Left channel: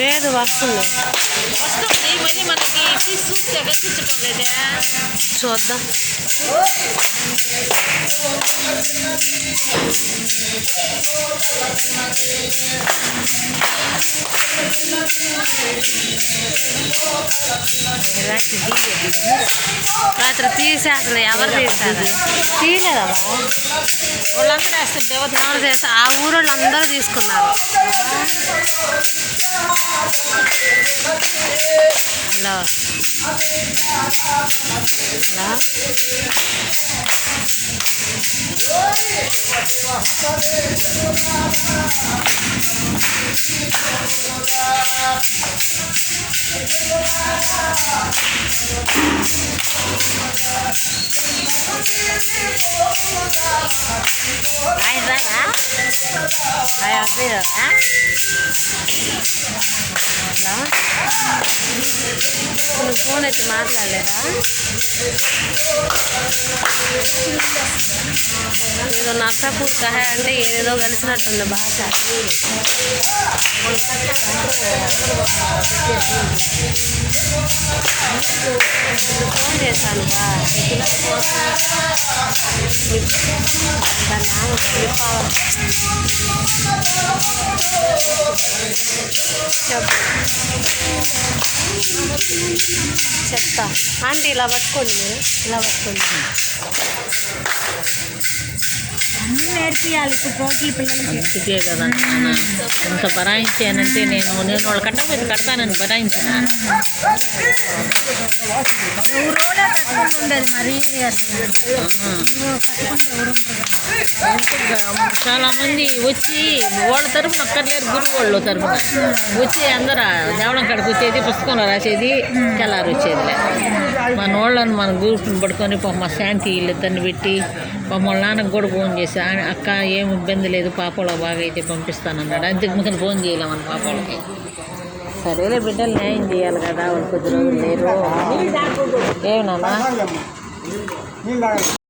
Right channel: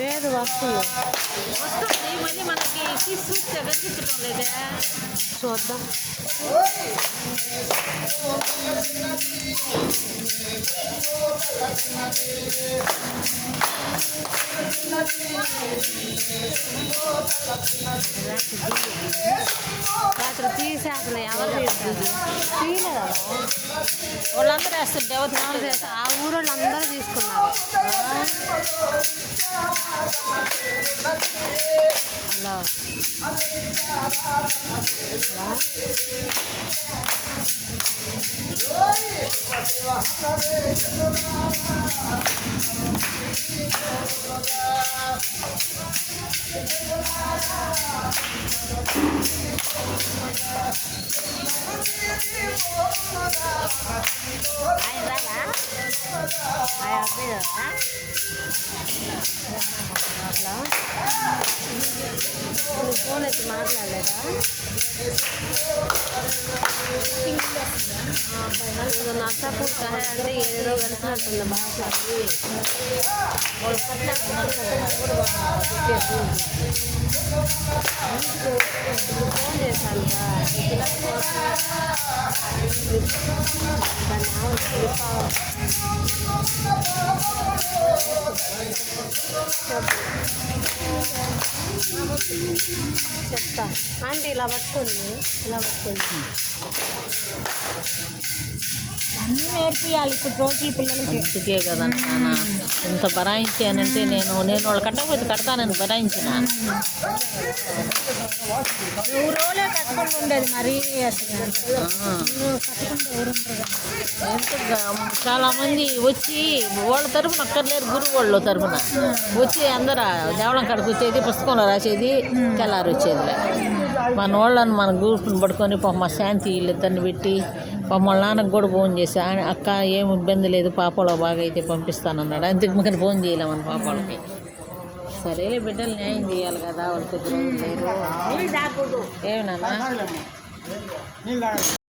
లేదు వస్తుంది చూద్దాం. రాత్రి తీసేస్తారు. ఎవరు తీస్తారు? తీయలేదా? ఎవరు చేస్తారు? ఆ ఊరోళ్ళు అందరూ తీసుకున్నారు. హలో హలో ఫోన్ అయితే మాట్లాడలేదా? ఏదో నర్సాపూర్ కహే అంటే ఏదేదో కలిసినట్టుంది భాష. ఫోన్ చేశాను చెప్తా. ఆంటీ ఇలా పట్టుకోండి, ఇలా పట్టుకోండి. అన్నీ నేర్పియాలి ఇప్పుడు రోజుల పిల్లలకి. అందుకే కదా అంత బరాయించానంటే నేను వాళ్ళు కట్టకపోతే కడతానని బరాయించిన. ఊరోలే కట్టుకుని ఉండేది మరీ అసలు. చాలామంది వచ్చి వాళ్ళ తరఫున అక్కర్లేరు, గురువు వాళ్ళ తరఫున వచ్చి అందరూ దేవళం కాడికి వచ్చేది, పుస్తకంలో రాసేది, తెల్లారు వచ్చేదిలే. మన వాళ్ళని మన గ్రూప్ని పడుకొని మా శాంతి వీళ్ళిద్దరిని పెట్టి వాళ్ళ నాన్నకు కూడా ఫోన్ చేసి, అక్క ఏం ఇబ్బంది లేదు, పాపలో బాగా అయితే పంపిస్తానన్నాడు. అంతకు ముందు ఫోన్ చేయలేమని పాపలకి. సరేలే బిడ్డలు న్యాయం చేయాలి కదా, వాళ్ళు కొద్ది రోజులు లేరు. ఏమన్నా